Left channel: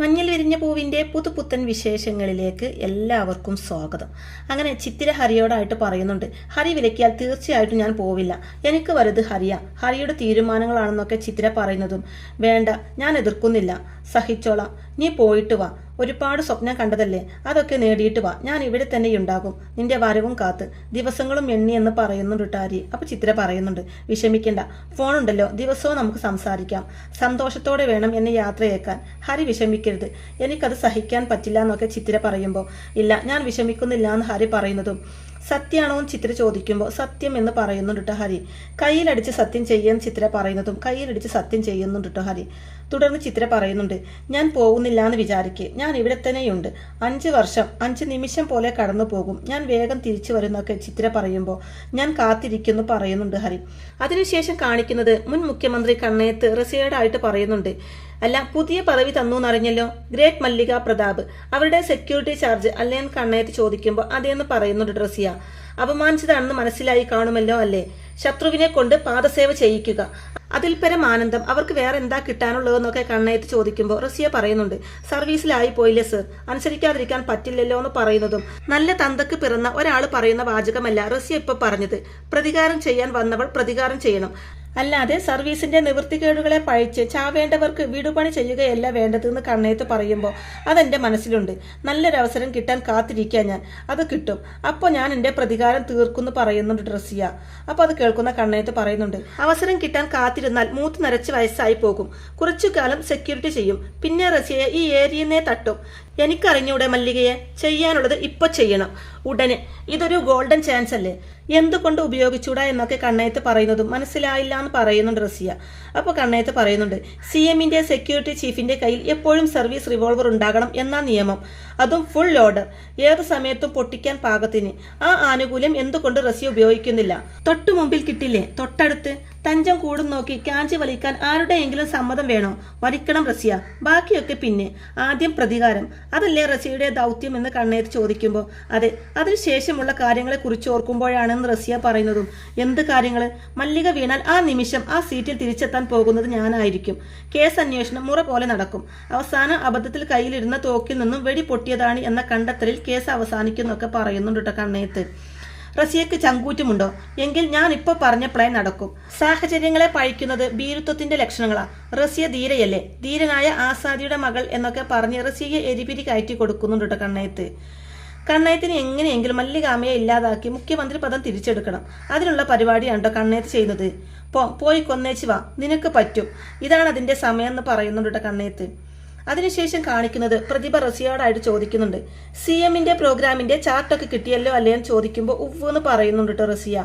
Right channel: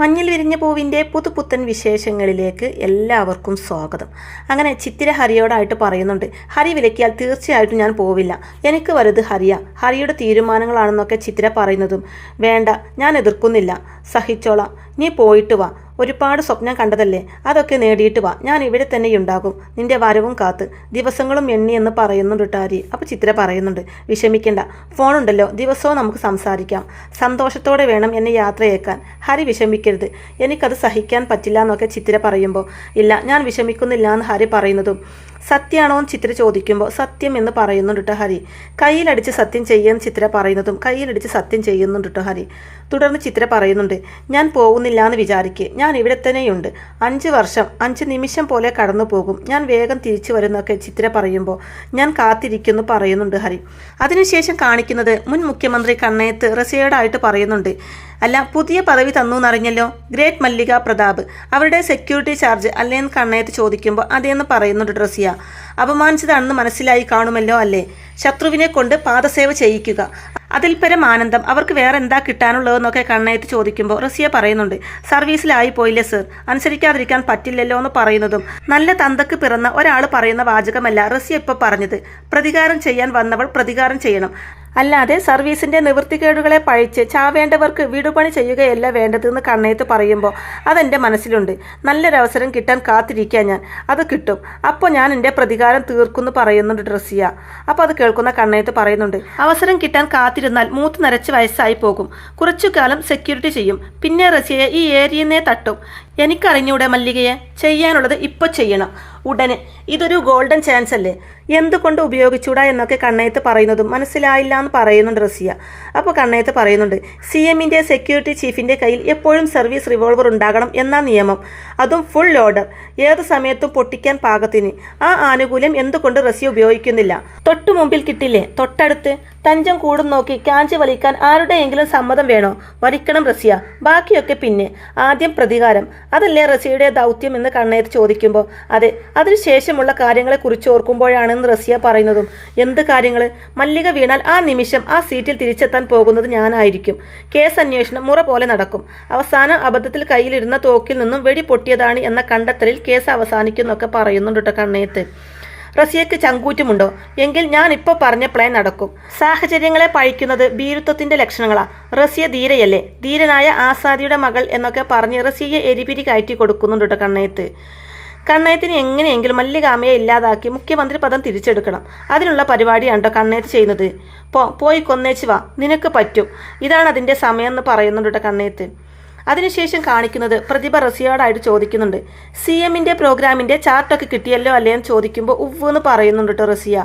മഞ്ഞൾ വിരിഞ്ഞ പൂവിൻ്റെ പുതുപുത്തൻ വിശേഷങ്ങളിലേക്ക് എല്ലാവർക്കും സ്വാഗതം. അങ്ങനെ ചിത്തിര ഹരിയോടായിട്ട് പറയുന്നുണ്ട്, ഹരി വിലക്കിയാൽ തീർച്ചയായിട്ടും ഞാൻ പോവില്ല, എനിക്ക് വലുത് ഹരിയുടെ തീരുമാനങ്ങളാണെന്നൊക്കെ ചിത്തിര പറയുന്നതും, വേണ്ട ഞാൻ എതിർക്കുന്നില്ല, സഹിച്ചോളാം, നീ പോയിട്ട് വാ, ഒരുപാട് സ്വപ്നം കണ്ടതല്ലേ, അതൊക്കെ നേടിയിട്ട് വാ, ഞാൻ ഇവിടെ തന്നെയുണ്ടാകും, നിന്റെ വരവും കാത്ത്, ദിവസങ്ങളും എണ്ണി എന്ന് പറയുന്നുണ്ട് ഹരി. അപ്പോൾ ചിത്തിര പറയുന്നുണ്ട്, വിഷമിക്കണ്ട, ഫോണുണ്ടല്ലോ, ദിവസവും നമുക്ക് സംസാരിക്കാം, സന്തോഷത്തോടെ വേണം എന്നെ യാത്രയേക്കാൻ, ഹരി വിഷമിക്കരുത്, എനിക്കത് സഹിക്കാൻ പറ്റില്ല എന്നൊക്കെ ചിത്തിര പറയുമ്പോൾ, ഇല്ല ഞാൻ വിഷമിക്കുന്നില്ല എന്ന് ഹരി പറയുന്നതും, സത്യമാണോ എന്ന് ചിത്തിര ചോദിക്കുമ്പോൾ സത്യം എന്ന് പറയുന്നുണ്ട് ഹരി. കയ്യിലടിച്ച് സത്യം ചെയ്യുമെന്ന് ചിത്തിര പറയുന്നതും കയ്യിലടിച്ച് സത്യം ചെയ്യുന്നുണ്ട് ഹരി. തുടർന്ന് ചിത്തിര പറയുന്നുണ്ട്, ഞാൻ പോകുന്നില്ല എന്ന് വിചാരിക്ക്, ഞാൻ ഇവിടെ തന്നെയുണ്ട്, 5 വർഷം 5 നിമിഷം പോലെ കടന്നു പോകും, ഞാൻ വേഗം തിരിച്ചു വരുന്നൊക്കെ ചിത്തിര പറയുമ്പോൾ ഞാൻ കാത്തിരിക്കുന്നു പറയുന്നുണ്ട് ഹരി. അതിനുശേഷം കാണിക്കുന്നത് മുൻ മുഖ്യമന്ത്രി കണ്ണയത്ത് റസിയയോടായിട്ട് പറയുന്നുണ്ട്, അല്ല പുതിയ പദവി തന്നു എന്നറിഞ്ഞല്ലോ, ഗ്രേറ്റ് മല്ലിക പ്രതാപ്, അവരുടെ സെക്യൂരിറ്റി ചാർജ് അല്ലേന്ന് കണ്ണയത്ത് ചോദിക്കുമ്പോൾ അതേന്ന് പറയുന്നുണ്ട് റസിയ. അപമാനിച്ചതാണെന്ന് മനസ്സിലായി കാണുമല്ലോ അല്ലേ, ശത്രുവിനെ കൊണ്ട് പാദസേവ ചെയ്യിക്കുക, അതിൽ പരം ആനന്ദം അവർക്ക് വേറെ എന്താ കിട്ടാനുള്ളതെന്നൊക്കെ കണ്ണയത്ത് ചോദിക്കുമ്പോൾ റസിയ പറയുന്നുണ്ട്, സർവീസിലായി പോയില്ലേ സർ, അനുസരിക്കാതിരിക്കാൻ പറ്റില്ലല്ലോ എന്ന് പറയുന്നതും, നല്ല തന്തക്ക് പിറന്ന ഒരാൾ പറയുന്ന വാചകമല്ല റസിയ ഇപ്പൊ പറഞ്ഞത്, പ്രതികാരം ചെയ്യാൻ വന്നവൾ പ്രതികാരം ചെയ്യണം, അല്ലാതെ സർവീസിന്റെ നിവൃത്തികേടുകളെ പഴിച്ച് ചാവേണ്ടവർക്ക് വീടുപണി ചെയ്യുകയല്ല വേണ്ടതെന്ന് കണ്ണയത്ത് പറയുമ്പോൾ അതെന്റെ മനസ്സിലുണ്ട്, നല്ലൊരവസരം കിട്ടാൻ കാത്തിരിക്കാൻ ഞാൻ, അത് കിട്ടും, അപ്പോൾ ഞാൻ എൻ്റെ പ്രതികാരം തീർക്കുമെന്ന് പറയുന്നുണ്ട് റസിയ. അപ്പോൾ അത് കേൾക്കുന്ന കണ്ണയത്ത് പറയുന്നുണ്ട്, അവസരം കിട്ടാൻ കാത്തിരുന്നാൽ മൂത്ത് നരച്ച് വയസ്സായി പോകും, കുറച്ചു കാലം സെക്യൂരിറ്റി ചെയ്യും, പിന്നെ റസിയയെ ഈ ഏരിയനെ തട്ടും, എനിക്കറിഞ്ഞൂടെ മല്ലികയെ, ചെയ്യാനുള്ളത് ഇപ്പോൾ ചെയ്യണം ഉടനെ, ഇതൊരു ഗോൾഡൻ ചാൻസ് അല്ലേ, എന്തുകൊണ്ട് ഉപയോഗിച്ചൂടാ എന്നൊക്കെ കണ്ണയത്ത് പറയുന്നതും മനസ്സിലായില്ല എന്ന് പറയുന്നുണ്ട് റസിയ. അപ്പോൾ കണ്ണയത്ത് പറയുന്നുണ്ട്, CMന്റെ സെക്യൂരിറ്റി ചീഫിന്റെ കയ്യിൽ എപ്പോഴും സർവീസ് റിവോൾവർ ഉണ്ടാകണം എന്നാ നിയമം, അതും ഫുൾ ലോഡർ, ഏത് സമയത്തും പൊട്ടിക്കാൻ പാകത്തിന്, ആ ആനുകൂല്യം എന്തുകൊണ്ട് റസിയ ഉപയോഗിക്കുന്നില്ല, തൊട്ടു മുമ്പിൽ കിട്ടില്ലേ, തൊട്ടടുത്ത്, തഞ്ചം കൂടും നോക്കി കാഞ്ചി വലിക്കാൻ ആരുടെയെങ്കിലും സമ്മതം വേണോ, വലിക്കണം റസിയ, ബാക്കിയൊക്കെ പിന്നെ, ആദ്യം പ്രതികാരം, അതല്ലേ റസിയയുടെ ദൗത്യം എന്ന് കണ്ണയത്ത് ചോദിക്കുമ്പോൾ അതെ, അതിനുശേഷമുള്ള കാര്യങ്ങളെ കുറിച്ച് ഓർക്കുമ്പോഴാണെന്ന് റസിയ പറയുന്നതും, എന്ത് കാര്യങ്ങൾ, മല്ലിക വീണാൽ ആ നിമിഷം ആ സീറ്റിൽ തിരിച്ചെത്താൻ പോകുന്നത് ഞാനായിരിക്കും, കേസ് അന്വേഷണം മുറ പോലെ നടക്കും, അവസാനം അബദ്ധത്തിൽ കയ്യിലിരുന്ന തോക്കിൽ നിന്നും വെടി പൊട്ടിയതാണ് എന്ന കണ്ടെത്തലിൽ കേസ് അവസാനിക്കുന്നൊക്കെ പറയുന്നുണ്ട് കണ്ണയത്ത്. റസിയക്ക് ചങ്കൂറ്റുമുണ്ടോ, എങ്കിൽ ഞാൻ ഇപ്പോൾ പറഞ്ഞ പ്ലാൻ നടക്കും, സാഹചര്യങ്ങളെ പഴിക്കുന്നത് ഭീരുത്വത്തിന്റെ ലക്ഷണങ്ങളാ, റസിയ ധീരയല്ലേ, ധീരനായ ആസാദിയുടെ മകൾ എന്നൊക്കെ പറഞ്ഞ് റസിയെ എരിപിരി കയറ്റി കൊടുക്കുന്നുണ്ട് കണ്ണയത്ത്. കണ്ണയത്തിന് എങ്ങനെയെങ്കിലും മല്ലികാമയെ ഇല്ലാതാക്കി മുഖ്യമന്ത്രി പദം തിരിച്ചെടുക്കണം, അതിനുള്ള പരിപാടിയാണോ കണ്ണയത്ത് ചെയ്യുന്നത്, പോയി കൊന്നേച്ച് വാ, നിനക്ക് പറ്റും, ഇതാണ് അതിന്റെ സമയം എന്ന് പറയുന്നുണ്ട് കണ്ണയത്ത്. അതിനുശേഷം കാണിക്കുന്നത് പ്രതിഭ റസിയോടായിട്ട് ചോദിക്കുന്നുണ്ട്, CMന്റെ പ്രോഗ്രാമിന്റെ ചാർട്ടൊക്കെ കിട്ടിയല്ലോ അല്ലേ എന്ന് ചോദിക്കുമ്പോൾ ഉവ്വ് എന്ന് പറയുന്നുണ്ട് റസിയ.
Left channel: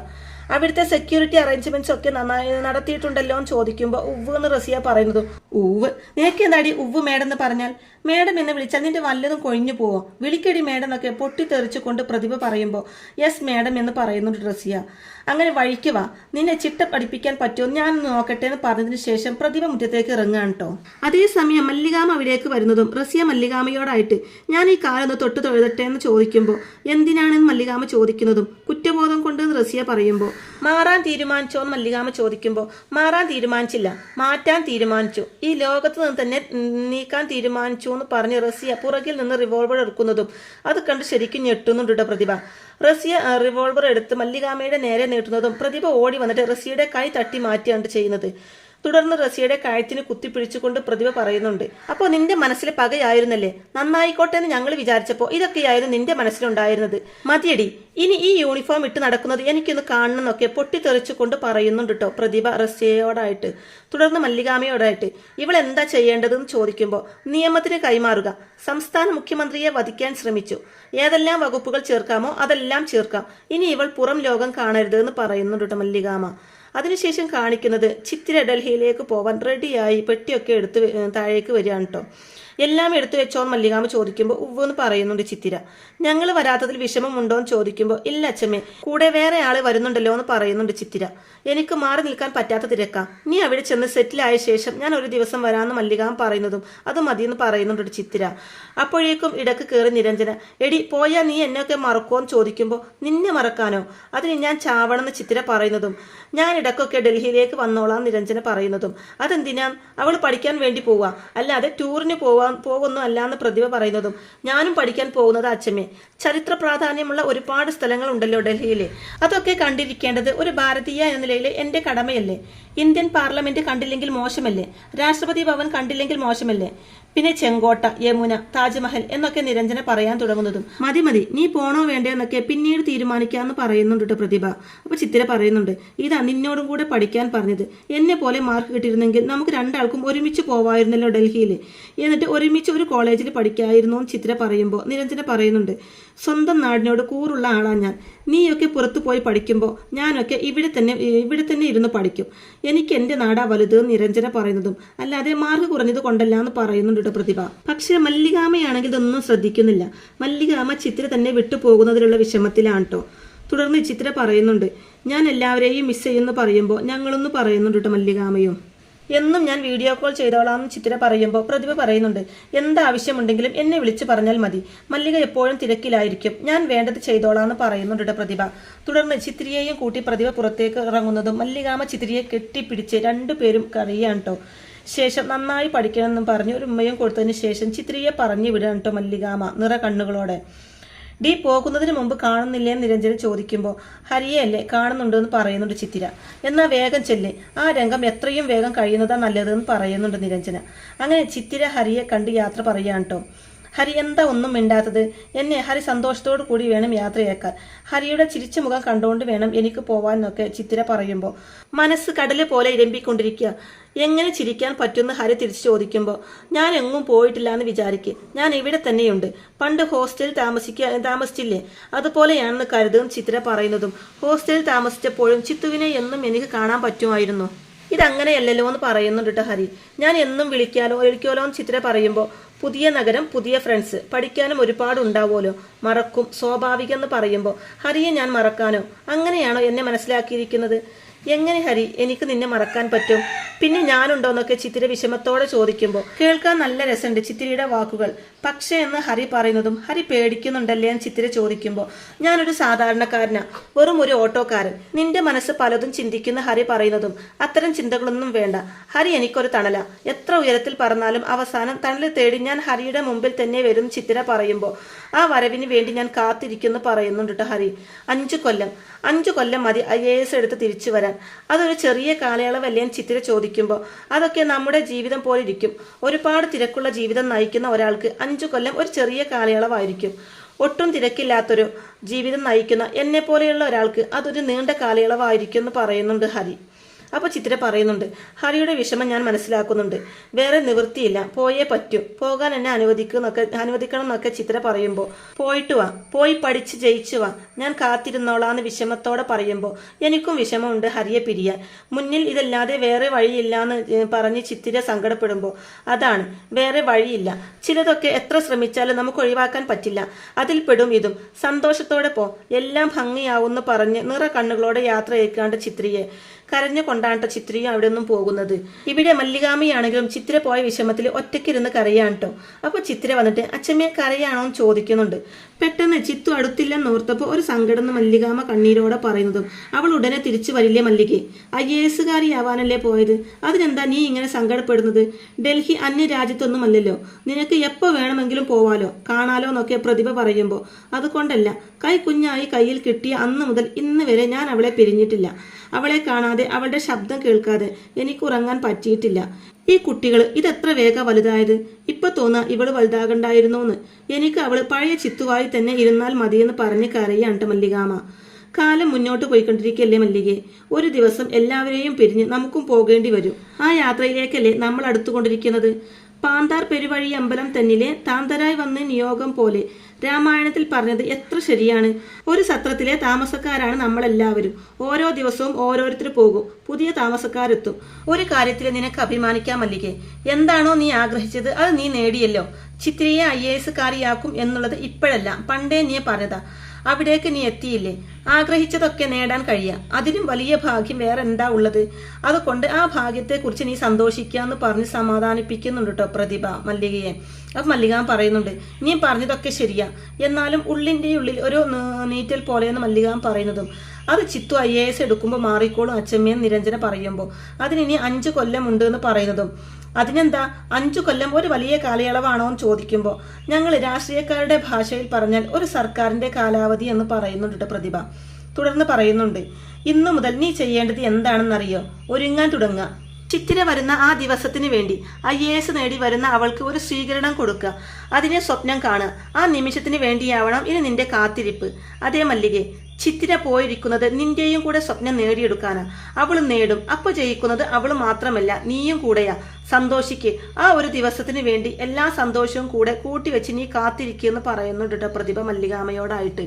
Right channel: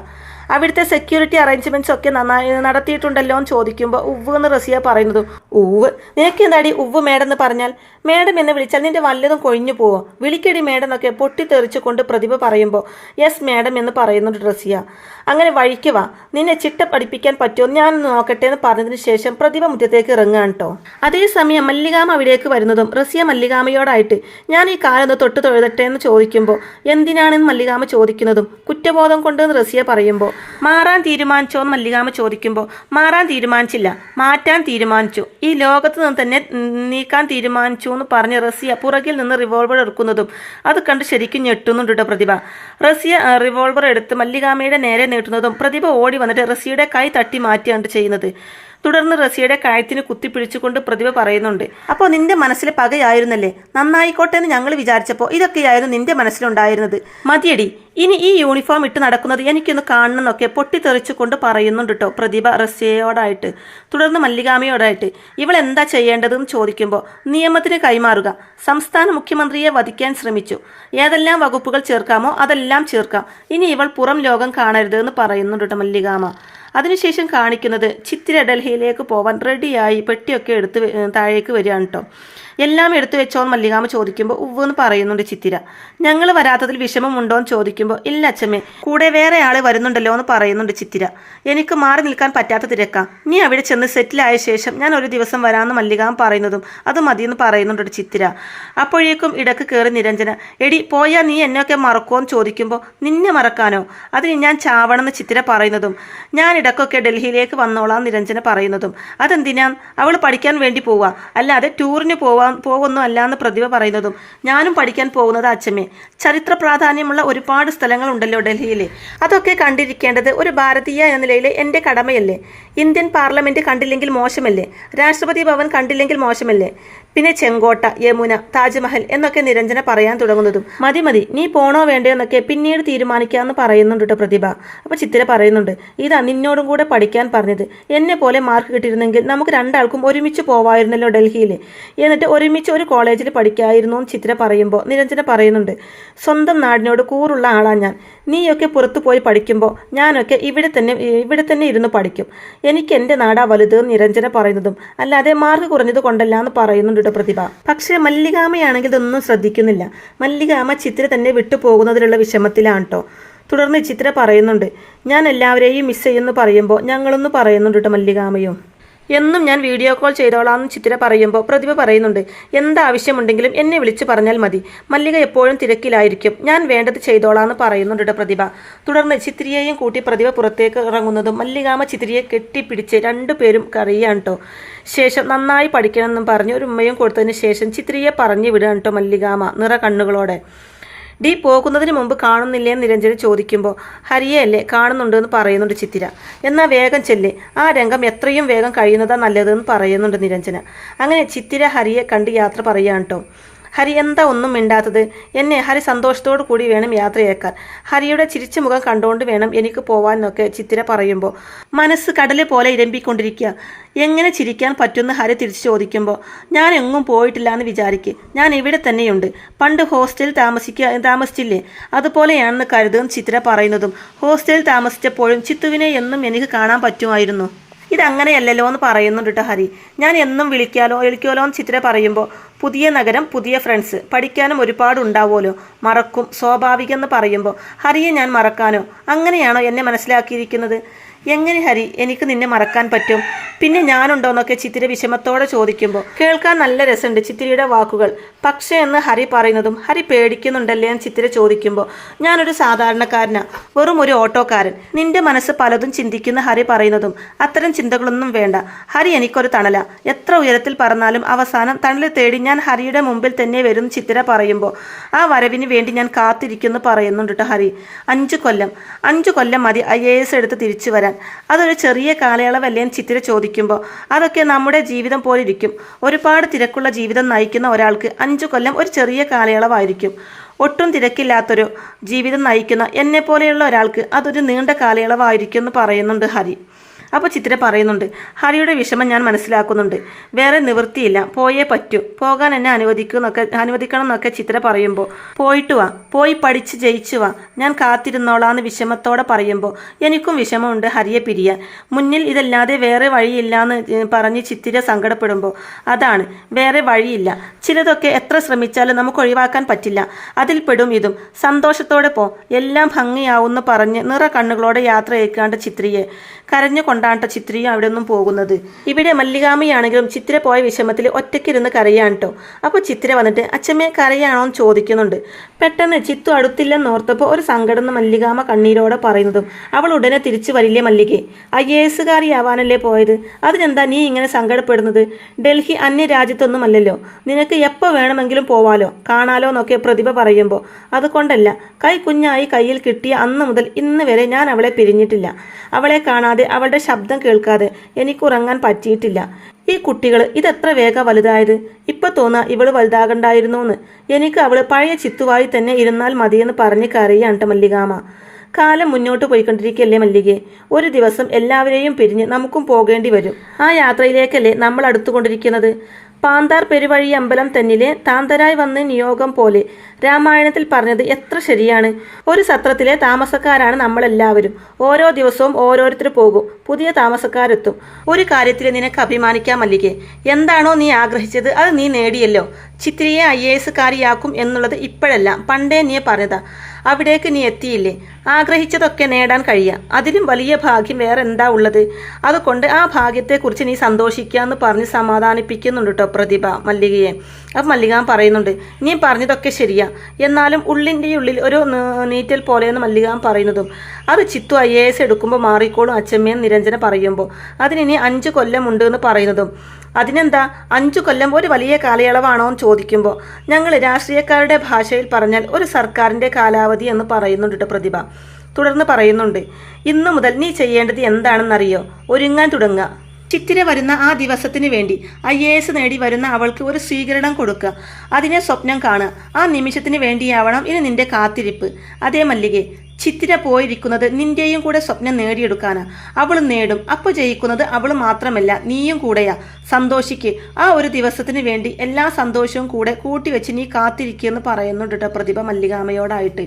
അവിടുത്തെ സെക്യൂരിറ്റി അറേഞ്ച്മെന്റ്സ് ഒക്കെ നന്നായി നടത്തിയിട്ടുണ്ടല്ലോ എന്ന് ചോദിക്കുമ്പോൾ ഉവ്വ് എന്ന് റസിയ പറയുന്നതും, ഉവ്വ്, നിനക്ക് എന്താടി ഉവ്വ് മേഡം എന്ന് പറഞ്ഞാൽ, മേഡം എന്ന് വിളിച്ചാൽ നിന്റെ വല്ലതും കൊഴിഞ്ഞു പോവോ, വിളിക്കടി മേഡം എന്നൊക്കെ പൊട്ടിത്തെറിച്ചുകൊണ്ട് പ്രതിഭ പറയുമ്പോൾ യെസ് മേഡം എന്ന് പറയുന്നുണ്ട് റസിയ. അങ്ങനെ വഴിക്ക് വാ, നിന്നെ ചിട്ട പഠിപ്പിക്കാൻ പറ്റുമോ ഞാൻ നോക്കട്ടെ എന്ന് പറഞ്ഞതിന് ശേഷം പ്രതിഭ മുറ്റത്തേക്ക് ഇറങ്ങാൻ കേട്ടോ. അതേസമയം മല്ലികാമ അവിടേക്ക് വരുന്നതും റസിയ മല്ലികാമയോടായിട്ട് ഞാൻ ഈ കാലൊന്ന് തൊട്ട് തൊഴുതട്ടെ എന്ന് ചോദിക്കുമ്പോൾ എന്തിനാണെന്ന് മല്ലികാമ ചോദിക്കുന്നതും കുറ്റബോധം കൊണ്ടെന്ന് റസിയ പറയുമ്പോൾ മാറാൻ തീരുമാനിച്ചോ എന്ന് മല്ലികാമ ചോദിക്കുമ്പോൾ മാറാൻ തീരുമാനിച്ചില്ല, മാറ്റാൻ തീരുമാനിച്ചു, ഈ ലോകത്ത് നിന്ന് തന്നെ നീക്കാൻ തീരുമാനിച്ചു എന്ന് പറഞ്ഞ് റസിയ പുറകിൽ നിന്ന് റിവോൾവർ എടുക്കുന്നതും അത് കണ്ട് ശരിക്കും ഞെട്ടുന്നുണ്ട് പ്രതിഭ. റസിയ റിവോൾവർ എടുത്ത് മല്ലികാമയുടെ നേരെ നീട്ടുന്നതും പ്രതിഭ ഓടി വന്നിട്ട് റസിയുടെ കൈ തട്ടി മാറ്റിയാണ് ചെയ്യുന്നത്. തുടർന്ന് റസിയുടെ കഴുത്തിന് കുത്തിപ്പിടിച്ചുകൊണ്ട് പ്രതിഭ പറയുന്നുണ്ട്, അപ്പോൾ നിന്റെ മനസ്സിൽ പകയായിരുന്നല്ലേ, നന്നായിക്കോട്ടെ എന്ന് ഞങ്ങൾ വിചാരിച്ചപ്പോൾ ഇതൊക്കെയായിരുന്നു നിന്റെ മനസ്സിലുണ്ടായിരുന്നത്, മതിയടി, ഇനി ഈ യൂണിഫോം ഇട്ട് നടക്കുന്നത് എനിക്കൊന്ന് കാണണമെന്നൊക്കെ പൊട്ടിത്തെറിച്ചുകൊണ്ട് പറയുന്നുണ്ട് കേട്ടോ പ്രതിഭ റസിയയോടായിട്ട്. തുടർന്ന് മല്ലികാമയോടായിട്ട് ഇവൾ എന്താ ചെയ്യേണ്ടതെന്ന് ചോദിക്കുമ്പോൾ നിയമത്തിന് കൈമാറുക, സംസ്ഥാന മുഖ്യമന്ത്രിയെ വധിക്കാൻ ശ്രമിച്ചു, ഏതെല്ലാം വകുപ്പുകൾ ചേർക്കാമോ അതെല്ലാം ചേർക്കാം, ഇനി ഇവൾ പുറം ലോകം കാണരുത് എന്ന് പറയുന്നുണ്ട് കേട്ടോ മല്ലികാമ. അതിനുശേഷം കാണിക്കുന്നത് ചിത്തിര ഡൽഹിയിലേക്ക് പോവാൻ റെഡിയായി പെട്ടിയൊക്കെ എടുത്ത് താഴേക്ക് വരികയാണ് കേട്ടോ. എല്ലാം എടുത്തു വെച്ചോന്ന് മല്ലികാമ ചോദിക്കുമ്പോൾ ഉവ്വെന്ന് പറയുന്നുണ്ട് ചിത്തിര. ഞങ്ങൾ വരാത്തതിൽ വിഷമമുണ്ടോ എന്ന് ചോദിക്കുമ്പോൾ ഇല്ല അച്ഛമ്മേ, കൂടെ വേറെ ആള് വരുന്നുണ്ടല്ലോ എന്ന് പറയുന്നുണ്ട് ചിത്തിര. എനിക്ക് മാറി നിൽക്കാൻ പറ്റാത്ത തിരക്കാം, നീ അവിടെ ചെന്ന് സെറ്റിലായ ശേഷം ഞാൻ ഒരു ദിവസം വരാമെന്ന് മല്ലികാമ പറയുന്നതും അത് മതിയെന്ന് പറയുന്നുണ്ട് ചിത്തിര. അപ്പോഴേക്കും ഇടക്ക് കയറി നിരഞ്ജന, എടി പോയാൽ നീ എന്നെയൊക്കെ മറക്കുമോ എന്ന് ചോദിക്കുമ്പോൾ നിന്നെ മറക്കാനോ, അതിന് ഞാൻ ചാവണമെന്ന് ചിത്തിര പറയുന്നതും ഞാൻ ഇടക്കൊക്കെ ഡൽഹിയിലേക്ക് വന്നോളാം നിരഞ്ജന പറയുന്നതും അതെന്തിനാ, അവൾ പഠിക്കാൻ വേണ്ടി പോവാ, അല്ലാതെ ടൂറിന് പോവാ പോകുന്നു അല്ല എന്ന് പ്രതിഭ പറയുന്നതും ഞാനും പഠിക്കാൻ പോകുന്നത് അച്ഛമ്മേ. ചരിത്ര പ്രാധാന്യമുള്ള ഒരുപാട് സ്ഥലങ്ങളുണ്ടല്ലോ ഡൽഹിയിൽ. അതൊക്കെ കണ്ടിരിക്കേണ്ടത് ഒരു ഭാരതീയ എന്ന നിലയിൽ എൻ്റെ കടമയല്ലേ. ഇന്ത്യൻ പാർലമെന്റ് കണ്ടില്ലെങ്കിൽ മോശമല്ലേ? രാഷ്ട്രപതി ഭവൻ കണ്ടില്ലെങ്കിൽ മോശമല്ലേ? പിന്നെ ചെങ്കോട്ട, യമുന, താജ്മഹൽ എന്നൊക്കെ നിരഞ്ജന പറയാൻ തുടങ്ങുന്നതും മതി മതി നീ പോണോ വേണ്ടോ എന്നൊക്കെ പിന്നീട് തീരുമാനിക്കാമെന്ന് പറയുന്നുണ്ട് കേട്ടോ പ്രതിഭ. അപ്പോൾ ചിത്തിര പറയുന്നുണ്ട്, ഇതാ നിന്നോടും കൂടെ പഠിക്കാൻ പറഞ്ഞത്. എന്നെ പോലെ മാർക്ക് കിട്ടിയിരുന്നെങ്കിൽ നമുക്ക് രണ്ടാൾക്കും ഒരുമിച്ച് പോവായിരുന്നല്ലോ ഡൽഹിയിൽ. എന്നിട്ട് ഒരുമിച്ച് ഒരു കോളേജിൽ പഠിക്കായിരുന്നു എന്ന് ചിത്തിര പറയുമ്പോൾ നിരഞ്ജന പറയുന്നുണ്ട്, സ്വന്തം നാടിനോട് കൂറുള്ള ആളാ ഞാൻ. നീയൊക്കെ പുറത്തു പോയി പഠിക്കുമ്പോൾ ഞാനൊക്കെ ഇവിടെ തന്നെ ഇരുന്ന് പഠിക്കും. എനിക്ക് എൻ്റെ നാടാ വലുത് നിരഞ്ജന പറയുന്നതും അല്ലാതെ മാർക്ക് കുറഞ്ഞത് കൊണ്ടല്ല എന്ന് പറയുന്നുണ്ട് പ്രതിഭ. പക്ഷേ മല്ലികാമയാണെങ്കിൽ ഇതൊന്നും ശ്രദ്ധിക്കുന്നില്ല. മല്ലികാമ ചിത്ര തന്നെ വിട്ടുപോകുന്നതിലുള്ള വിഷമത്തിലാണ് കേട്ടോ. തുടർന്ന് ചിത്ര പറയുന്നുണ്ട്, ഞാൻ എല്ലാവരെയും മിസ് ചെയ്യുമെന്ന് പറയുമ്പോൾ ഞങ്ങളൊന്ന് പറയുന്നുണ്ട് മല്ലികാമയും. എന്നും ഞാൻ വീഡിയോ കോൾ ചെയ്തോളാമെന്ന് ചിത്തിര പറയുമ്പോൾ പ്രതിഭ പറയുന്നുണ്ട്, എന്താവശ്യമുണ്ടെങ്കിലും എന്നെ വിളിച്ചു പറഞ്ഞാൽ മതി. മല്ലിക എപ്പോഴും തിരക്കിലായിരിക്കും, ഞാൻ വേണ്ടത് ചെയ്തോളാമെന്ന് പറയുന്നുണ്ട് പ്രതിഭ. തുടർന്ന് ചിത്തിരിയെയും കൂട്ടി പ്രതിഭ പുറത്തേക്ക് ഇറങ്ങുന്നതും മല്ലികാമ ചിത്തിരിയെ കെട്ടിപ്പിടിച്ച് രണ്ടുപേരും കറിയാണ് കേട്ടോ. ശേഷം നന്നായി പഠിക്കണമെന്നും പറഞ്ഞ് ഒരു ഉമ്മയും കൊടുത്തതിന് ശേഷം ചിത്തിരിയെ പറഞ്ഞു വിടുകയാണ് കേട്ടോ മല്ലികാമ നിറ കണ്ണുകളോടെ. ഡി പോകുന്നതിന് മുമ്പ് കാണുന്നില്ലേ എന്ന് നിരഞ്ജന ചോദിക്കുമ്പോൾ ഹരിയല്ലേ കാണുന്നുണ്ട് എന്ന് പറയുന്നുണ്ട് ചിത്തിര. എന്നാൽ വേഗം ചെല്ല്, ആ രംഗം എത്രയും വേഗം കഴിയുന്നതാ നല്ലതെന്ന് പറയുന്നുണ്ട് നിരഞ്ജന. അങ്ങനെ ചിത്തിര ഹരിയെ കണ്ട് യാത്ര പറയുകയാണ് കേട്ടോ. ഹരി എന്താ ഒന്നും മിണ്ടാത്തത്? എന്നെ ഹരി സന്തോഷത്തോടു കൂടി വേണം യാത്രയേക്കാൻ. ഹരിയുടെ ചിരിച്ച മുഖം കണ്ടുകൊണ്ട് വേണം എനിക്ക് പോവാനൊക്കെ ചിത്തിര പറയുമ്പോൾ മനസ്സ് കടല് പോലെ ഇരമ്പിക്കൊണ്ടിരിക്കുക. എങ്ങനെ ചിരിക്കാൻ പറ്റുമെന്ന് ഹരി തിരിച്ചു ചോദിക്കുമ്പോൾ ഞാൻ എങ്ങും പോയിട്ടില്ല എന്ന് വിചാരിക്കുക, ഞാൻ ഇവിടെ തന്നെയുണ്ട്. പണ്ട് ഹോസ്റ്റലിൽ താമസിച്ചില്ലേ, അതുപോലെയാണെന്ന് കരുതും ചിത്തിര പറയുന്നതും ഹോസ്റ്റലിൽ താമസിച്ചപ്പോഴും ചിത്തുവിനെ എന്നും എനിക്ക് കാണാൻ പറ്റുമായിരുന്നു. ഇതങ്ങനെയല്ലല്ലോ എന്ന് പറയുന്നുണ്ട് കേട്ടോ ഹരി. ഞാൻ എന്നും വിളിക്കാലോ എന്ന് ചിത്തിര പറയുമ്പോൾ പുതിയ നഗരം, പുതിയ ഫ്രണ്ട്സ്, പഠിക്കാനും ഒരുപാട് ഉണ്ടാവുമല്ലോ, മറക്കും, സ്വാഭാവികം എന്ന് പറയുമ്പോൾ ഹരിയെ ഞാൻ മറക്കാനോ? അങ്ങനെയാണോ എന്നെ മനസ്സിലാക്കിയിരിക്കുന്നത്? എങ്ങനെ ഹരി എനിക്ക് നിന്നെ മറക്കാൻ പറ്റും? പിന്നെ ഞാനുണ്ടോന്നൊക്കെ ചിത്തിര വിഷമത്തോടെ ചോദിക്കുമ്പോൾ കേൾക്കാൻ നല്ല രസമുണ്ട് ചിത്തിരയുടെ വാക്കുകൾ. പക്ഷേ എന്ന് ഹരി പറയുന്നതും ഹരി പേടിക്കുന്നുണ്ടല്ലേ എന്ന് ചിത്തിര ചോദിക്കുമ്പോൾ ഞാനൊരു സാധാരണക്കാരനാ, വെറും ഒരു ഓട്ടോക്കാരൻ. നിന്റെ മനസ്സ് പലതും ചിന്തിക്കുന്ന ഹരി പറയുന്നതും അത്തരം ചിന്തകളൊന്നും വേണ്ട, ഹരി എനിക്കൊരു തണല. എത്ര ഉയരത്തിൽ പറന്നാലും അവസാനം തണൽ തേടി ഞാൻ ഹരിയുടെ മുമ്പിൽ തന്നെ വരും ചിത്തിര പറയുമ്പോൾ ആ വരവിന് വേണ്ടി ഞാൻ കാത്തിരിക്കുന്നു പറയുന്നുണ്ട് കേട്ടോ ഹരി. 5 കൊല്ലം മതി IAS എടുത്ത് തിരിച്ചു വരാൻ. അതൊരു ചെറിയ കാലയളവല്ലേ എന്ന് ചിത്തിര ചോദിക്കുമ്പോൾ അതൊക്കെ നമ്മുടെ ജീവിതം പോലെ ഇരിക്കും. ഒരുപാട് തിരക്കുള്ള ജീവിതം നയിക്കുന്ന ഒരാൾക്ക് 5 കൊല്ലം ഒരു ചെറിയ കാലയളവായിരിക്കും. ഒട്ടും തിരക്കില്ലാത്തൊരു ജീവിതം നയിക്കുന്ന എന്നെ പോലെയുള്ള ഒരാൾക്ക് അതൊരു നീണ്ട കാലയളവായിരിക്കും എന്ന് പറയുന്നുണ്ട് ഹരി. അപ്പോൾ ചിത്തിര പറയുന്നുണ്ട്, ഹരിയുടെ വിഷമം ഞാൻ മനസ്സിലാക്കുന്നുണ്ട്, വേറെ നിവൃത്തിയില്ല, പോയേ പറ്റൂ, പോകാൻ എന്നെ അനുവദിക്കണം എന്നൊക്കെ ചിത്തിര പറയുമ്പോൾ പോയിട്ട് വാ, പോയി പഠിച്ച് ജയിച്ചു വാ, ഞാൻ കാത്തിരുന്നോളാന്ന് വിഷമത്തോടെ പറയുമ്പോൾ എനിക്കും വിഷമമുണ്ട് ഹരിയെ പിരിയാൻ. മുന്നിൽ ഇതല്ലാതെ വേറെ വഴിയില്ലാന്ന് പറഞ്ഞ് ചിത്തിര സങ്കടപ്പെടുമ്പോൾ അതാണ്, വേറെ വഴിയില്ല. ചിലതൊക്കെ എത്ര ശ്രമിച്ചാലും നമുക്ക് ഒഴിവാക്കാൻ പറ്റില്ല, അതിൽ പെടും ഇതും. സന്തോഷത്തോടെ പോ, എല്ലാം ഭംഗിയാവുമെന്ന് പറഞ്ഞ് നിറ കണ്ണുകളോടെ യാത്ര അയക്കാണ്ട് ചിത്രിയെ കരഞ്ഞുകൊണ്ടാണ് ചിത്രയും അവിടെ നിന്നും പോകുന്നത്. ഇവിടെ മല്ലികാമയാണെങ്കിലും ചിത്ര പോയ വിഷമത്തിൽ ഒറ്റയ്ക്കിരുന്ന് കരയാണ് കേട്ടോ. അപ്പോൾ ചിത്ര വന്നിട്ട് അച്ഛമ്മയെ കരയാണോ എന്ന് ചോദിക്കുന്നുണ്ട്. പെട്ടെന്ന് ചിത്തു അടുത്തില്ലെന്ന് ഓർത്തപ്പോൾ ഒരു സങ്കടം മല്ലികാമ കണ്ണീരോടെ പറയുന്നതും അവൾ ഉടനെ തിരിച്ചു വരില്ലേ മല്ലികെ, IAS-കാരിയാവാനല്ലേ പോയത്, അതിനെന്താ നീ ഇങ്ങനെ സങ്കടപ്പെടുന്നത്? ഡൽഹി അന്യ രാജ്യത്തൊന്നുമല്ലല്ലോ, നിനക്ക് എപ്പോൾ വേണമെങ്കിലും പോവാലോ, കാണാലോ എന്നൊക്കെ പ്രതിഭ പറയുമ്പോൾ അതുകൊണ്ടല്ല, കുഞ്ഞായി കയ്യിൽ കിട്ടിയ അന്ന് മുതൽ ഇന്ന് വരെ ഞാൻ അവളെ പിരിഞ്ഞിട്ടില്ല. അവളെ കാണാതെ അവളുടെ ശബ്ദം കേൾക്കാതെ എനിക്ക് ഉറങ്ങാൻ പറ്റിയിട്ടില്ല. ഈ കുട്ടികൾ ഇതെത്ര വേഗം വലുതായത്, ഇപ്പൊ തോന്നാ ഇവള് വലുതാകണ്ടായിരുന്നു എന്ന്. എനിക്ക് അവള് പഴയ ചിത്തുവായി തന്നെ ഇരുന്നാൽ മതിയെന്ന് പറഞ്ഞ് കരയാണ് മല്ലികാമ. കാലം മുന്നോട്ട് പോയിക്കൊണ്ടിരിക്കല്ലേ മല്ലികെ, ഒരു ദിവസം എല്ലാവരെയും പിരിഞ്ഞ് നമുക്കും പോകേണ്ടി വരും. ആ യാത്രയിലേക്കല്ലേ നമ്മൾ അടുത്തുകൊണ്ടിരിക്കുന്നത്. പാന്താർ പെരുവഴി അമ്പലം തന്നിലെ താന്തരായി വന്ന് നിയോഗം പോലെ രാമായണത്തിൽ പറഞ്ഞത് എത്ര ശരിയാണ്. ഒരു സത്രത്തിലെ താമസക്കാരാണ് നമ്മളെല്ലാവരും. ഓരോ ദിവസവും ഓരോരുത്തർ പോകും, പുതിയ താമസക്കാരെത്തും. ഒരു കാര്യത്തിൽ നിനക്ക് അഭിമാനിക്കാൻ മല്ലികെ, എന്താണോ നീ ആഗ്രഹിച്ചത് അത് നീ നേടിയല്ലോ. ചിത്രിയെ IAS-കാരിയാക്കും എന്നുള്ളത് ഇപ്പോഴല്ല, പണ്ടേ നീ പറഞ്ഞതാ. അവിടേക്ക് നീ എത്തിയില്ലേ, ആഗ്രഹിച്ചതൊക്കെ നേടാൻ കഴിയാം. അതിലും വലിയ ഭാഗ്യം വേറെ എന്താ ഉള്ളത്? അതുകൊണ്ട് ആ ഭാഗ്യത്തെക്കുറിച്ച് നീ സന്തോഷിക്കാന്ന് പറഞ്ഞ് സമാധാനിപ്പിക്കുന്നുണ്ട് കേട്ടോ പ്രതിഭ മല്ലികയെ. അപ്പം മല്ലിക പറയുന്നുണ്ട്, നീ പറഞ്ഞതൊക്കെ ശരിയാ, എന്നാലും ഉള്ളിൻ്റെ ഉള്ളിൽ ഒരു നീറ്റൽ പോലെയെന്ന് മല്ലിക പറയുന്നതും അത് ചിത്തു IAS എടുക്കുമ്പോൾ മാറിക്കോളും അച്ഛമ്മയെന്ന് നിരഞ്ജന പറയുമ്പോൾ അതിനി 5 കൊല്ലം ഉണ്ട് എന്ന് പറയുന്നതും അതിനെന്താ 5 കൊല്ലം ഒരു വലിയ കാലയളവാണോ എന്ന് ചോദിക്കുമ്പോൾ ഞങ്ങൾ രാഷ്ട്രീയക്കാരുടെ ഭാഷയിൽ പറഞ്ഞാൽ ഒരു സർക്കാരിന്റെ കാലാവധി എന്ന് പറയുന്നുണ്ട് പ്രതിഭ. തുടർന്ന് പറയുന്നുണ്ട്, ഇന്നു മുതൽ നീ ചെയ്യേണ്ടത് എന്താണെന്നറിയോ? ഒരുങ്ങാൻ തുടങ്ങുക. ചിത്തിര വരുന്ന ആ ദിവസത്തിന് വേണ്ടി IAS നേടി വരുന്ന അവൾക്ക് ഒരു സ്വീകരണം കൊടുക്കുക. അതിനെ സ്വപ്നം കാണുക. ആ നിമിഷത്തിന് വേണ്ടിയാവണം ഇനി നിന്റെ കാത്തിരിപ്പ്. അതേ മല്ലികെ, ചിത്തിര പോയിരിക്കുന്നത് നിന്റെയും കൂടെ സ്വപ്നം നേടിയെടുക്കാനാ. അവൾ നേടും. അപ്പോൾ ജയിക്കുന്നത് അവൾ മാത്രമല്ല, നീയും കൂടെയാ. സന്തോഷിക്ക്. ആ ഒരു ദിവസത്തിന് വേണ്ടി എല്ലാ സന്തോഷവും കൂടെ കൂട്ടിവെച്ച് നീ കാത്തിരിക്കുമെന്ന് പറയുന്നുണ്ട് പ്രതിഭ മല്ലികാമ്മയോടായിട്ട്.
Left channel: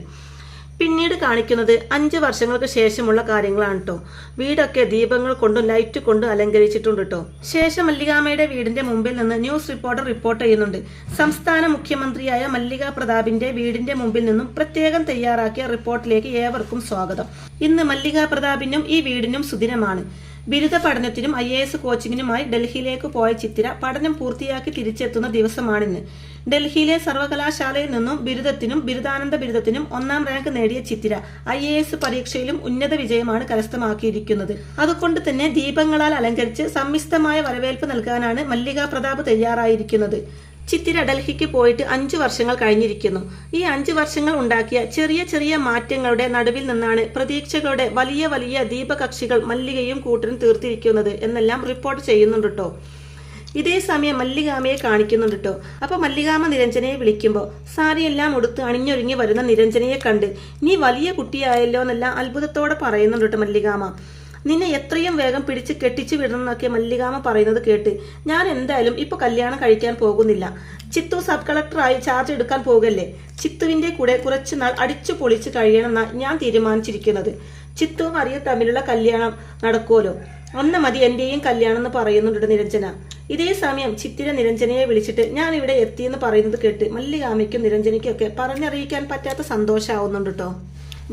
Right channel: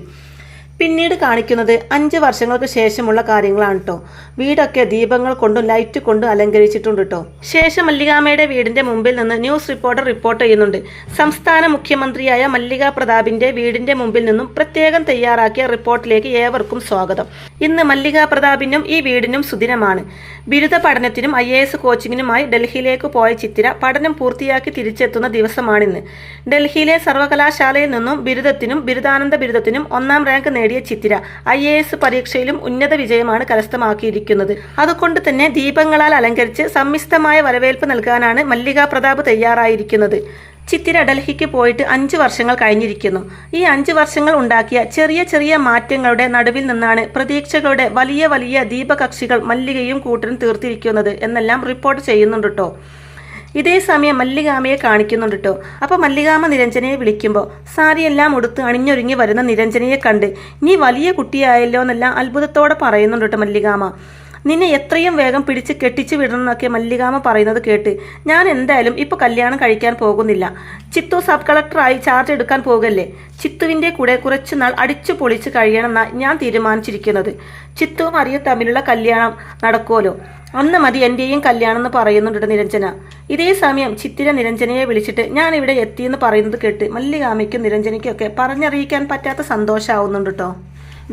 പിന്നീട് കാണിക്കുന്നത് 5 വർഷങ്ങൾക്ക് ശേഷമുള്ള കാര്യങ്ങളാണ് കേട്ടോ. വീടൊക്കെ ദീപങ്ങൾ കൊണ്ടും ലൈറ്റ് കൊണ്ടും അലങ്കരിച്ചിട്ടുണ്ട് കേട്ടോ. ശേഷം മല്ലികാമ്മയുടെ വീടിന്റെ മുമ്പിൽ നിന്ന് ന്യൂസ് റിപ്പോർട്ടർ റിപ്പോർട്ട് ചെയ്യുന്നുണ്ട്. സംസ്ഥാന മുഖ്യമന്ത്രിയായ മല്ലിക പ്രതാപിന്റെ വീടിന്റെ മുമ്പിൽ നിന്നും പ്രത്യേകം തയ്യാറാക്കിയ റിപ്പോർട്ടിലേക്ക് ഏവർക്കും സ്വാഗതം. ഇന്ന് മല്ലിക പ്രതാപിനും ഈ വീടിനും സുദിനമാണ്. ബിരുദ പഠനത്തിനും IAS കോച്ചിങ്ങിനുമായി ഡൽഹിയിലേക്ക് പോയ ചിത്തിര പഠനം പൂർത്തിയാക്കി തിരിച്ചെത്തുന്ന ദിവസമാണിന്ന്. ഡൽഹിയിലെ സർവകലാശാലയിൽ നിന്നും ബിരുദത്തിനും ബിരുദാനന്ത ബിരുദത്തിനും 1ാം റാങ്ക് നേടിയ ചിത്തിര IAS പരീക്ഷയിലും ഉന്നത വിജയമാണ് കരസ്ഥമാക്കിയിരിക്കുന്നത്. അതുകൊണ്ട് തന്നെ ദീപങ്ങളാൽ അലങ്കരിച്ച് സമ്മിശ്രമായ വരവേൽപ്പ് നൽകാനാണ് മല്ലിക പ്രതാപ് തയ്യാറായിരിക്കുന്നത്. ചിത്തിര ഡൽഹിക്ക് പോയിട്ട് 5 വർഷങ്ങൾ കഴിഞ്ഞിരിക്കുന്നു. ഈ 5 വർഷങ്ങൾ ഉണ്ടാക്കിയ ചെറിയ ചെറിയ മാറ്റങ്ങളുടെ നടുവിൽ നിന്നാണ് പ്രതീക്ഷകളുടെ വലിയ വലിയ ദീപകക്ഷികൾ മല്ലികയും കൂട്ടരും തീർത്തിരിക്കുന്നത് എന്നെല്ലാം റിപ്പോർട്ട് ചെയ്യുന്നുണ്ട് കേട്ടോ. ഇതേ സമയം മല്ലികാമയെ കാണിക്കുന്നുണ്ട് കേട്ടോ. അപ്പോൾ മല്ലികാമ നിരഞ്ജനയെ വിളിക്കുമ്പോൾ സാരിയെല്ലാം ഉടുത്ത് അണിഞ്ഞൊരുങ്ങി വരുന്ന നിരഞ്ജനയെ കണ്ട് നീ വലിയ കുട്ടിയായല്ലോ എന്നെല്ലാം അത്ഭുതത്തോടെ പറയുന്നുണ്ട് കേട്ടോ മല്ലികാമ. നിന്നെ എത്രയും വേഗം പിടിച്ച് കെട്ടിച്ചു വിടണം എന്നൊക്കെ മല്ലികാമ പറയുന്നത് കേട്ട് ഞാൻ എന്തായാലും ഇപ്പൊ കല്യാണം കഴിക്കാൻ പോകുന്നില്ല. ചിത്തു സബ് കളക്ടറായി ചാർജ് എടുക്കാൻ പോകല്ലേ. ചിത്തുവിന്റെ കൂടെ കുറച്ചുനാൾ അടിച്ചു പൊളിച്ച് കഴിയണമെന്നാണ് ഞാൻ തീരുമാനിച്ചിരിക്കുന്നത്. ചിത്തുവും അറിയും തമ്മിലുള്ള കല്യാണം നടക്കുമല്ലോ, അന്ന് മതി എന്റെയും കല്യാണം എന്ന് പറയുന്നുണ്ട് നിരഞ്ജന. ഇതേ സമയം ചിത്തിര നിരഞ്ജനയെ വിളിച്ചിട്ട് ഞാൻ ഇവിടെ എത്തിയെന്ന് പറയുന്നത് കേട്ട് മല്ലികാമയ്ക്കും നിരഞ്ജനയ്ക്കും ഒക്കെ പറഞ്ഞറിയിക്കാൻ പറ്റാത്ത സന്തോഷമാവുന്നുണ്ട് കേട്ടോ.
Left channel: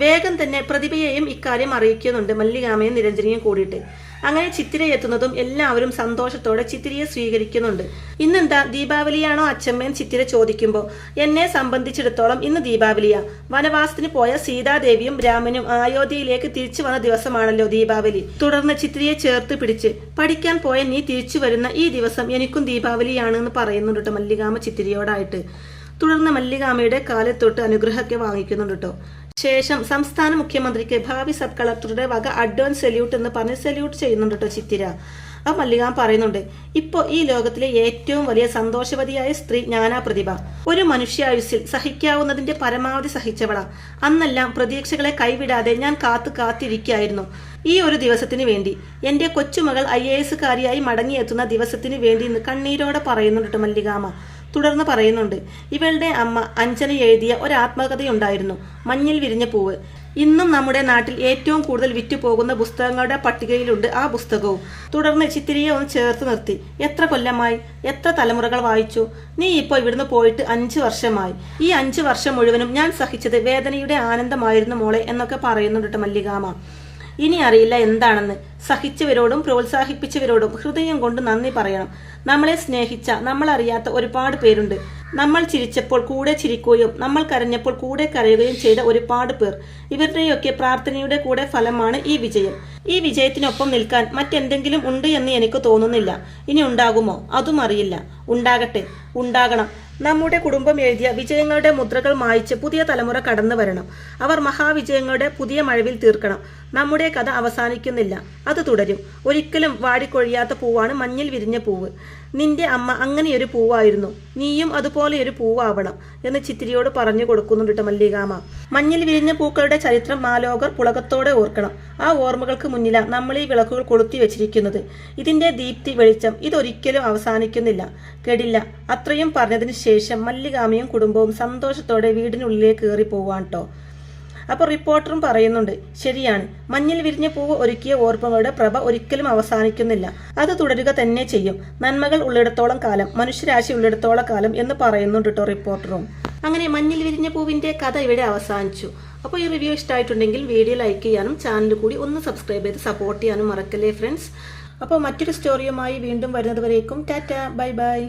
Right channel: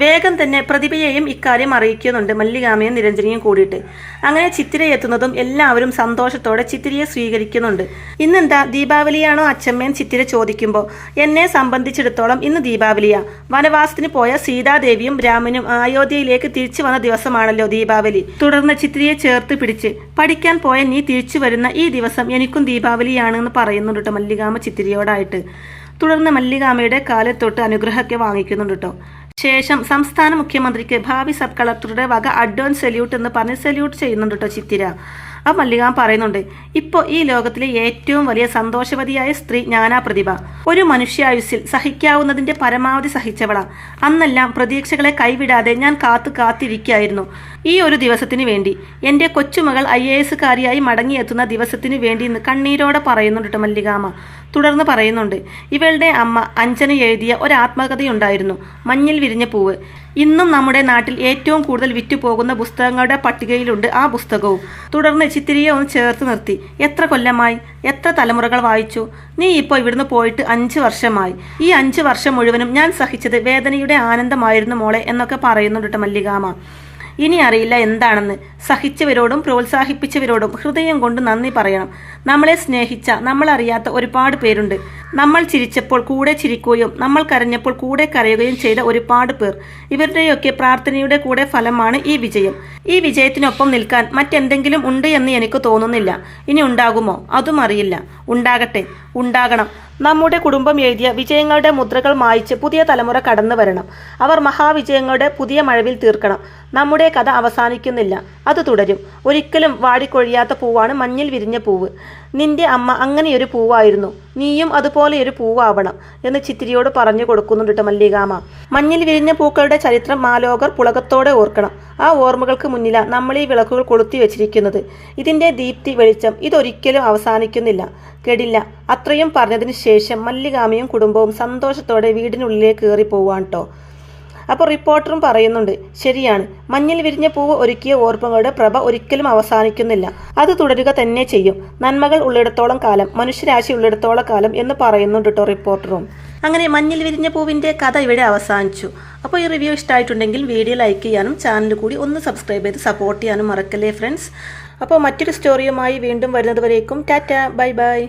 വേഗം തന്നെ പ്രതിഭയെയും ഇക്കാര്യം അറിയിക്കുന്നുണ്ട് മല്ലികാമയും നിരഞ്ജനയും കൂടിയിട്ട്. അങ്ങനെ ചിത്തിര എത്തുന്നതും എല്ലാവരും സന്തോഷത്തോടെ ചിത്തിരയെ സ്വീകരിക്കുന്നുണ്ട്. ഇന്നെന്താ ദീപാവലിയാണോ അച്ഛമ്മയും ചിത്തിര ചോദിക്കുമ്പോൾ എന്നെ സംബന്ധിച്ചിടത്തോളം ഇന്ന് ദീപാവലിയാ. വനവാസത്തിന് പോയ സീതാദേവിയും രാമനും അയോധ്യയിലേക്ക് തിരിച്ചു വന്ന ദിവസമാണല്ലോ ദീപാവലി. തുടർന്ന് ചിത്തിരയെ ചേർത്ത് പിടിച്ച് പഠിക്കാൻ പോയ നീ തിരിച്ചു വരുന്ന ഈ ദിവസം എനിക്കും ദീപാവലിയാണെന്ന് പറയുന്നുണ്ട് മല്ലികാമ ചിത്തിരയോടായിട്ട്. തുടർന്ന് മല്ലികാമയുടെ കാലത്തൊട്ട് അനുഗ്രഹമൊക്കെ വാങ്ങിക്കുന്നുണ്ട് കേട്ടോ. ശേഷം സംസ്ഥാന മുഖ്യമന്ത്രിക്ക് ഭാവി സബ് കളക്ടറുടെ വക അഡ്വാൻസ് സല്യൂട്ട് എന്ന് പറഞ്ഞ് സല്യൂട്ട് ചെയ്യുന്നുണ്ട് കേട്ടോ ചിത്തിര. ആ മല്ലികാമ പറയുന്നുണ്ട്, ഇപ്പോൾ ഈ ലോകത്തിലെ ഏറ്റവും വലിയ സന്തോഷവതിയായ സ്ത്രീ ഞാനാ പ്രതിഭ. ഒരു മനുഷ്യായുസ്സിൽ സഹിക്കാവുന്നതിന്റെ പരമാവധി സഹിച്ചവളാ. അന്നെല്ലാം പ്രതീക്ഷകളെ കൈവിടാതെ ഞാൻ കാത്തിരിക്കായിരുന്നു ഈ ഒരു ദിവസത്തിന് വേണ്ടി. എന്റെ കൊച്ചുമകൾ IAS കാരിയായി മടങ്ങിയെത്തുന്ന ദിവസത്തിന് വേണ്ടി ഇന്ന് കണ്ണീരോടെ പറയുന്നുണ്ട് മല്ലികാമ. തുടർന്ന് പറയുന്നുണ്ട്, ഇവളുടെ അമ്മ അഞ്ജന എഴുതിയ ഒരു ആത്മകഥയുണ്ടായിരുന്നു, മഞ്ഞിൽ വിരിഞ്ഞ പൂവ്. ഇന്നും നമ്മുടെ നാട്ടിൽ ഏറ്റവും കൂടുതൽ വിറ്റുപോകുന്ന പുസ്തകങ്ങളുടെ പട്ടികയിലുണ്ട് ആ പുസ്തകവും. തുടർന്ന് ചിത്തിരയെ ഒന്ന് ചേർത്ത് നിർത്തി. എത്ര കൊല്ലമായി, എത്ര തലമുറകൾ വായിച്ചു. നീ ഇപ്പോൾ ഇവിടുന്ന് പോയിട്ട് 5 വർഷമായി. ഈ 5 വർഷം മുഴുവനും ഞാൻ സഹിച്ചത് വേദനയുടെ ആനന്ദമായിരുന്നു മോളെ എന്നൊക്കെ പറയുന്നുണ്ട് മല്ലികാമ. ഇനി അറിയില്ല എന്താണെന്ന്. സഹിച്ചവരോടും പ്രോത്സാഹിപ്പിച്ചവരോടും ഹൃദയം കൊണ്ട് നന്ദി പറയണം. നമ്മളെ സ്നേഹിച്ച നമ്മളറിയാത്ത ഒരുപാട് പേരുണ്ട്. നമ്മൾ ചിരിച്ചപ്പോൾ കൂടെ ചിരിക്കുകയും നമ്മൾ കരഞ്ഞപ്പോൾ കൂടെ കരയുകയും ചെയ്ത ഒരുപാട് പേർ. ഇവരുടെയൊക്കെ പ്രാർത്ഥനയുടെ കൂടെ ഫലമാണ് ഈ വിജയം. ഈ വിജയത്തിനൊപ്പം നിൽക്കാൻ മറ്റെന്തെങ്കിലും ഉണ്ട് എന്ന് എനിക്ക് തോന്നുന്നില്ല. ഇനി ഉണ്ടാകുമോ അതും അറിയില്ല. ഉണ്ടാകട്ടെ, ഉണ്ടാകണം. നമ്മുടെ കുടുംബം എഴുതിയ വിജയങ്ങളുടെ മുദ്രകൾ മായ്ച്ച് പുതിയ തലമുറ കടന്നു വരണം. അവർ മഹാവിജയങ്ങളുടെ പുതിയ മഴവിൽ തീർക്കണം. നമ്മുടെ കഥ അവസാനിക്കുന്നില്ല, അത് തുടരും. ഒരിക്കലും വാടിക്കൊഴിയാത്ത പൂവാണ് മഞ്ഞിൽ വിരിഞ്ഞ പൂവ്. നിന്റെ അമ്മ അങ്ങനെയൊരു പൂവായിരുന്നു, നീയും അതുപോലെയൊരു പൂവാവണം എന്ന് ചിത്തിരിയോട് പറഞ്ഞു കൊടുക്കുന്നുണ്ട് മല്ലികാമ. മഞ്ഞിൽ വിരിഞ്ഞ പൂക്കളുടെ ചരിത്രം മാലോകർ പുളകത്തോടെ ഓർക്കണം. ആ ഓർമ്മകൾക്ക് മുന്നിലാണ് നമ്മൾ ഈ വിളക്കുകൾ കൊളുത്തി വെച്ചിരിക്കുന്നത്. ഇതിന്റെ ദീപ്തി വെളിച്ചം ഇതൊരിക്കലും അവസാനിക്കുന്നില്ല, കെടില്ല. അത്രയും പറഞ്ഞതിന് ശേഷം മല്ലികാമയും കുടുംബവും സന്തോഷത്തോടെ വീടിനുള്ളിലേക്ക് കയറി പോവാൻ കേട്ടോ. അപ്പോൾ റിപ്പോർട്ടറും പറയുന്നുണ്ട്, ശരിയാണ്, മഞ്ഞിൽ വിരിഞ്ഞ പൂവ് ഒരുക്കിയ ഓർമ്മകളുടെ പ്രഭ ഒരിക്കലും അവസാനിക്കുന്നില്ല, അത് തുടരുക തന്നെ ചെയ്യും. നന്മകൾ ഉള്ളിടത്തോളം കാലം, മനുഷ്യരാശി ഉള്ളിടത്തോളം കാലം എന്ന് പറയുന്നുണ്ട് കേട്ടോ റിപ്പോർട്ടറും. അങ്ങനെ മഞ്ഞിൽ വിരിഞ്ഞ പൂവിന്റെ കഥ ഇവിടെ അവസാനിച്ചു. അപ്പോൾ ഈ റിവ്യൂ ഇഷ്ടമായിട്ടുണ്ടെങ്കിൽ വീഡിയോ ലൈക്ക് ചെയ്യാനും ചാനൽ കൂടി ഒന്ന് സബ്സ്ക്രൈബ് ചെയ്ത് സപ്പോർട്ട് ചെയ്യാനും മറക്കല്ലേ ഫ്രണ്ട്സ്. അപ്പോൾ മറ്റൊരു സ്റ്റോറിയുമായി വീണ്ടും വരുന്നത് വരേക്കും ടാറ്റ, ബൈ ബൈ.